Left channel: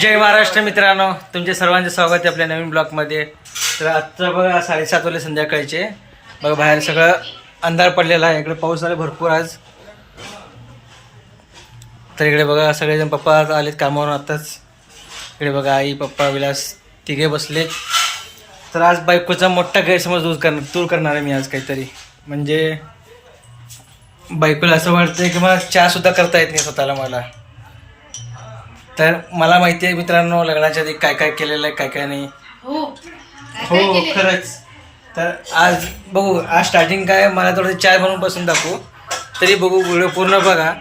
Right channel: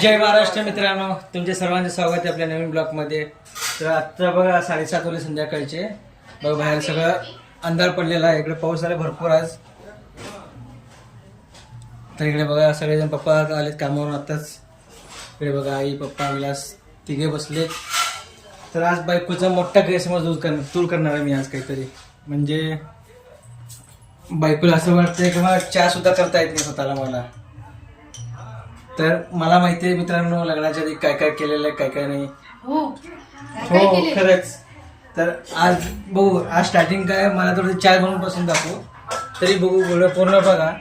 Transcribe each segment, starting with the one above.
जय महाराष्ट्र मित्रांनो. तुमचे सर्वांचे स्वागत आहे आपल्या नवीन ब्लॉगमध्ये. तर आत्ता बघा साडेसात वाजले संध्याकाळचे. बघा बाहेर सगळं अंधार पडलेला आहे. इकडे पाऊस आला भरपूर आज. तर इकडे बघा सगळेजण पप्पा आलेत कामावरून आत्ताच इकडे बघा आई पप्पा विलास तिघे बसलेत तर आज बायकोचा मोठा गैरसमज दूर कर दूर करणार आहे मी आज काहीतरी. म्हणजे बायकोला असं वाटतं की मला चहासुद्धा करता येत नाही स्वतःला मला. तर मला माहिती आहे मित्रांनो लग्नाच्या आधी काय काय केलेलं आहे काय काय नाही. हो हो खरंच. तर आज बघू आज स्टार्टिंग काय मला थोडं चहा बनवून पासून दाखवू. तरी बघू व्हिडिओ पूर्ण बघा.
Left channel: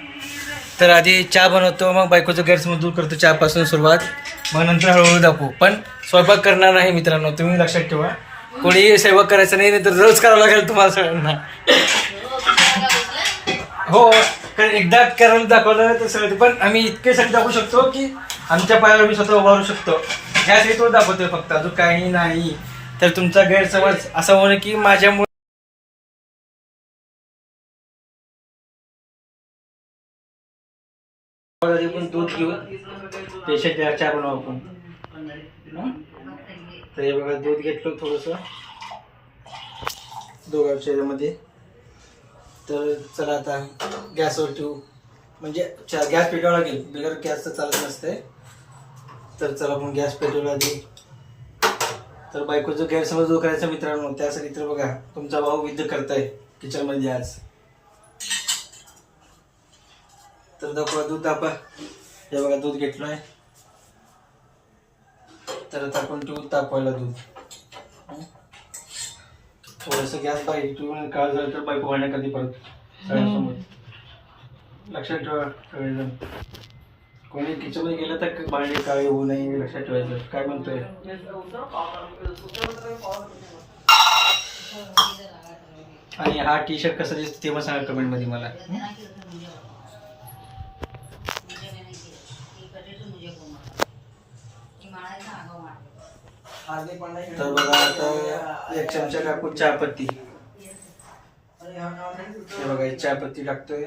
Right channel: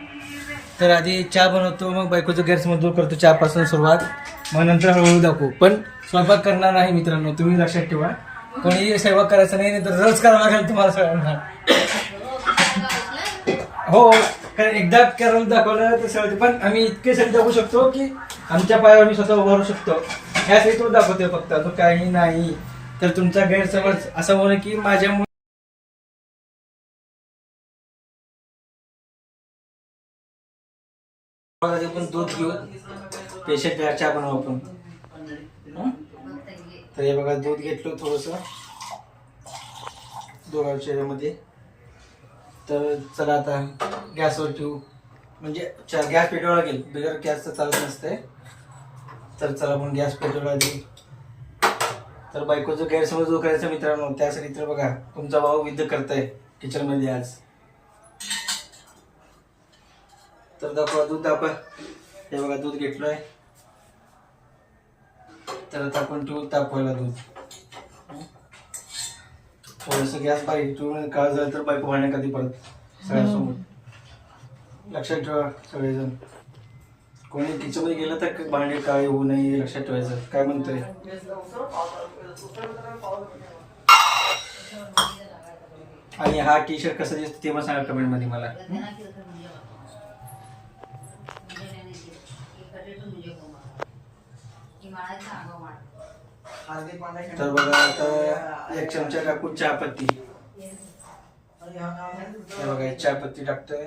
तर आधी चहा बनवतो मग बायकोचं गैरसमज दूर करतो चहापासून सुरुवात. मग नंतर हळूहळू दाखवू. पण स्वयंपाक करणार नाही मित्रांनो तुम्ही लक्षात ठेवा. कोणी स्वयंपाक करायचं नाही तर रोज करावं लागेल तुम्हाला सगळ्यांना. हो कारण एकदा करायला दाखवलं तर सगळं पण आम्ही इतके सगळे दाखवू शकतो की आमच्या पायावर मी स्वतः उभारू शकतो. यासाठी तो दाखवतोय फक्त अजून काही नाही. तर तुमचा गैरसमज असा होणं की माझ्यामुळे पण दूध घेऊन पेशंट चहा बनवू आपण. तर हे बघा दूध घेतलं थोडंसं. दोघांच्या ह्याच्यामध्ये तर चला आता गॅसवर ठेवू. म्हणजे चा- गॅस पेटवावं लागेल बिगर गॅस तर चालत नसते. तर चला आपण गॅस पेटवला लागेल तर बायकोचं गैरसमज दूर करायचा मित्रांनो. त्यासाठी तर बघा तुमचा भाऊ विद्ध करताय किचनमध्ये आज. तर दाखवा दूध दाखवा. हे बघा दूध घेतलंय. तर आता आपण ठेवू तापवायला दूध. थोडंसं गॅस पाहिजे ठेवून काळ झालं तर बायको घालणे कधी परत? सगळ्यांसमोर. लक्षात ठेवा सगळेजण. कोणी किचनमध्ये गेलं तर भांडे काळे होऊ नये हे लक्षात ठेवायचं. काय म्हणतोय? आणि हा टी शर्ट कसं दिसतो ते पण सांगा कमेंटमध्ये मला. तर बघा आता एक चमचा टाकू चहापत्ती. हे बघा एक चहापत्ती टाकतोय.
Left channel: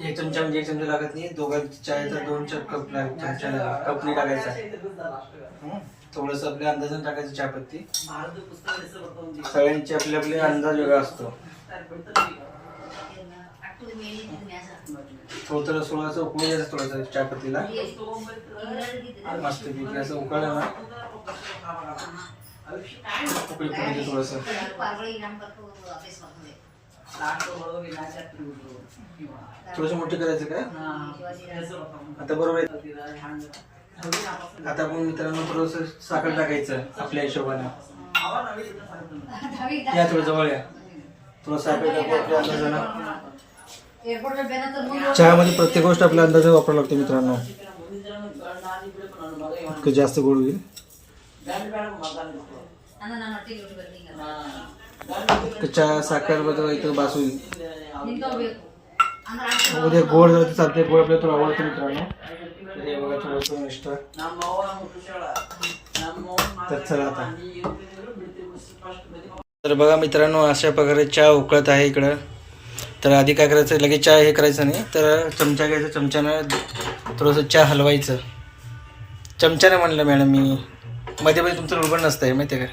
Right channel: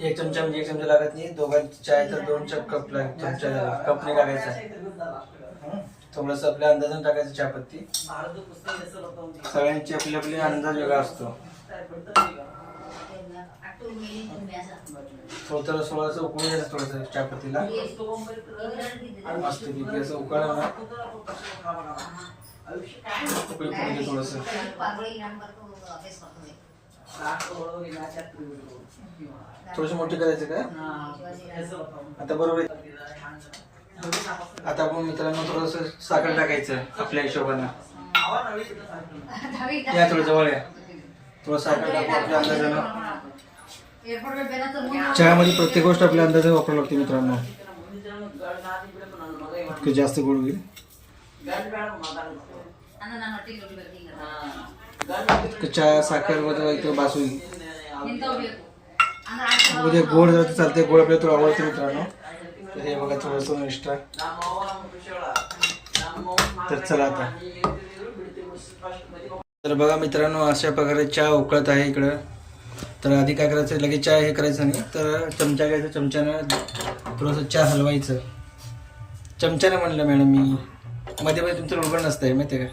एक चमचा म्हणजे एक चमचा लागत नाही. दोघांची चाय तर दोन चार कप लाग चमचा कपने टाकायचा. थोडस थोडंसं आपल्या अंदाजाने टाकायचं चहापत्ती. सगळ्यांचे आपले आपले अंदाज वेगळा असतो. थोडं सोळाचं उकळून घ्यायचं थोडंसं चहापत्तीला मस्त पैकी असं उकळलं ना उकळी पुढे थोडस. थोडस मोठे करायचं काय? आता बरोबर आहे. आता आपण मित्रांनो थोडस साखर टाकायचं आपल्या हिशोबानं. या थोडं जवळ या. थोडं साखर टाकू आपल्या अंदाजानं. चहामध्ये प्रत्येक गोष्ट आपल्या अंदाजाने वापरावं लागते मित्रांनो. इतकं जास्त गोड होईल. इतकं चहा साखरबद्दल इतकं बास होईल. उद्या गोड जर चालते गोड आपल्याला थोडं आवडते मित्रांनो. हे बघा थोडंसं एक्स्ट्रा तर चला आता. तर बघा मित्रांनो अशा प्रकारे चहा उकळत आहे इकडं. तर आधी काय करायचं लगेच चहा हे करायचं नाही तर चमचा घ्यायचा चमच्यानं थोडंसं चहा हलवायचं. चमच्यानं म्हणलं मॅडम मी. मध्ये मध्ये तुमचं रुबण नसतं आहे माहिती आहे का?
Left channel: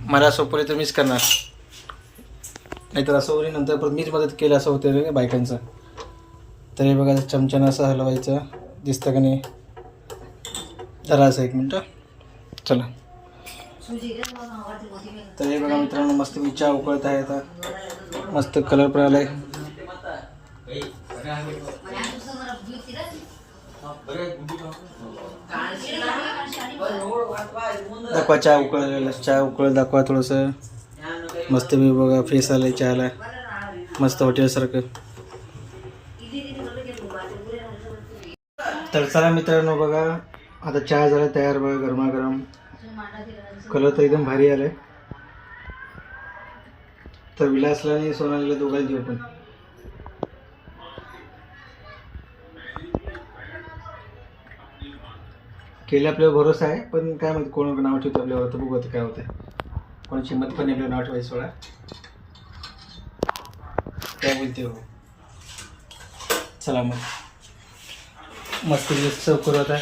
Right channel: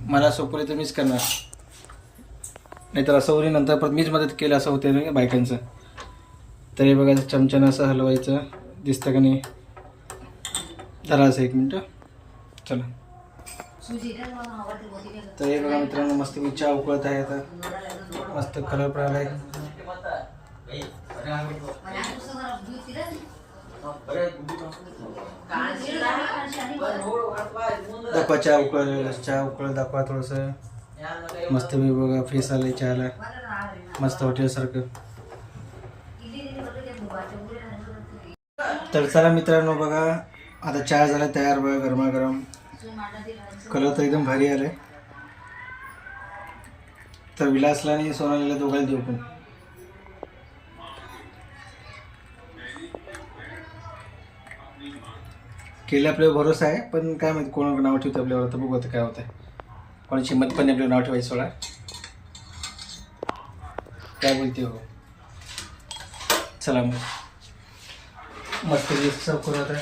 मला सोपवले तर मीच करणार. नाहीतर असं होईल नंतर परत मीच मदत केलं असं होतं बायकांचं. तर हे बघा चमच्यानं असं हलवायचं. दिसतं का नाही? जरा असं एक मिनटं. चला. तर हे बघा मित्रांनो मस्त मी चहा उकळत आहे आता. मस्त कलर पण आलाय. दाखवा चहा उकळलेला चहा उकळ दाखवा थोडंसं. मस्त मी बघा फेस आहे चहाला. मस्त हॉटेलसारखं तर चला मित्रांनो बघा आता चहा झाला तयार बघा गरमागरम. कलर तर एकदम भारी आलाय. तर विलासला नाही सोनालीला दोघांना देऊ पण. केले आपल्यावर भरोसा आहे पण काय माहिती कोण नाव ठेवतं आपल्यावर आता बघू आता काय होतं कोणाची हिंमत पण नाही आपल्यावर नाव ठेवायचं सोडा. काय बोलते हो? चला मग. मस्त सर्व करू आता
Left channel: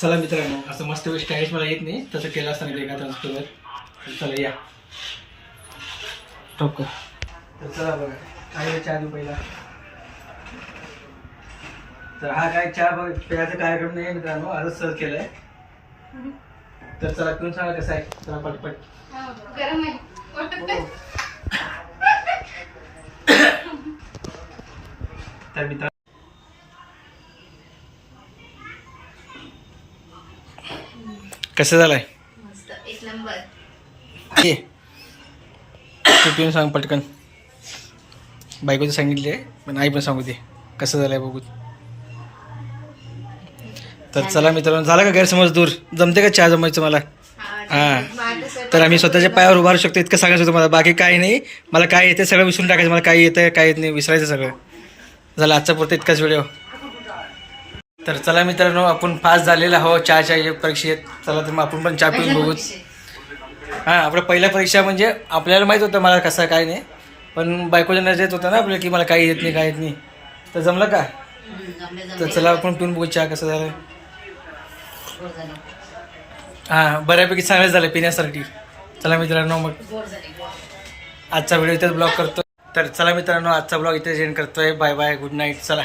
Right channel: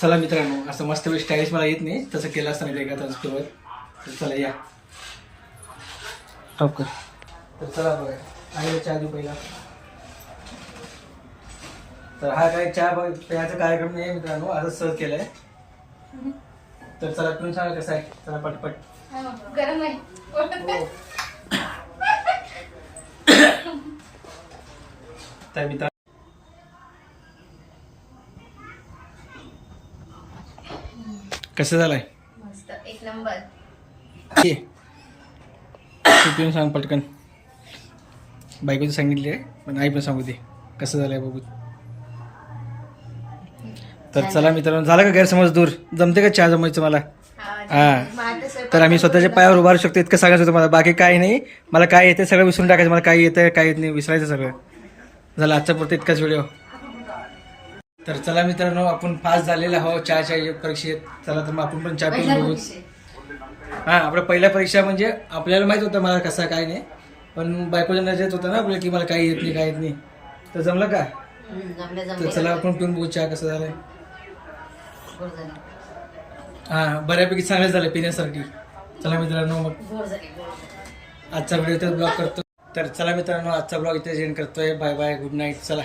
चला मित्रांनो असं मस्त स्टाईल्स मला येत नाही. तसं केलं असताना ते एका चला या. टॉप कर. तर चला बघा आईला चहा देऊ पहिला. तर हा काय चहा बघ प्यायचा कार्यक्रम नाही मित्रांनो आजच सहज केलाय. तर चला पिऊन सांगा कसं आहे? चला पटपट. गरम आहे. तर मित्र कसं झालंय? मस्त एक नंबर. ये तू पिऊन सांग पटकन. बायकोचं सांगितले पण आई पण सांगू दे. कसं झालंय बघू. तर चला मित्रांनो झालं का गैरसमज दूर? जमते का चहा जमायचं मला? हा तर आम्ही स्वतःच्या पायावर उभारू शकतो इतकं सांगायचं होतं मला. बाकी काही नाही. मला काय येते सगळं विसरून टाकायचं. मला काय येतं काय येत नाही विसरायचं सगळं. झालं आजचा पुरतं इतकाच व्हिडिओ तर चला मित्रांनो आपण पास झालेला हो चहाच्या परीक्षेत चला तर मग आपण पण चहा पिऊन बघू हां आपल्या पहिल्या परीक्षा म्हणजे आपल्याला माहीत होतं मला कसं काय नाही. पण बायकोच्या नजरेत होतं ना आपल्याला की मला काही येत नाही काय येत नाही. तर जमलं का? तर चला आपण पिऊन बघू चहा कसं झालं हां बऱ्यापैकी चांगलं झालं पिण्यासाठी. चला मित्रांनो मग आजचा व्हिडिओ इथेच ब्लॉग करतो. तर चला मित्रांनो आजचा ब्लॉग इथे एंड करतोय. बाय बाय गुड नाईट चला.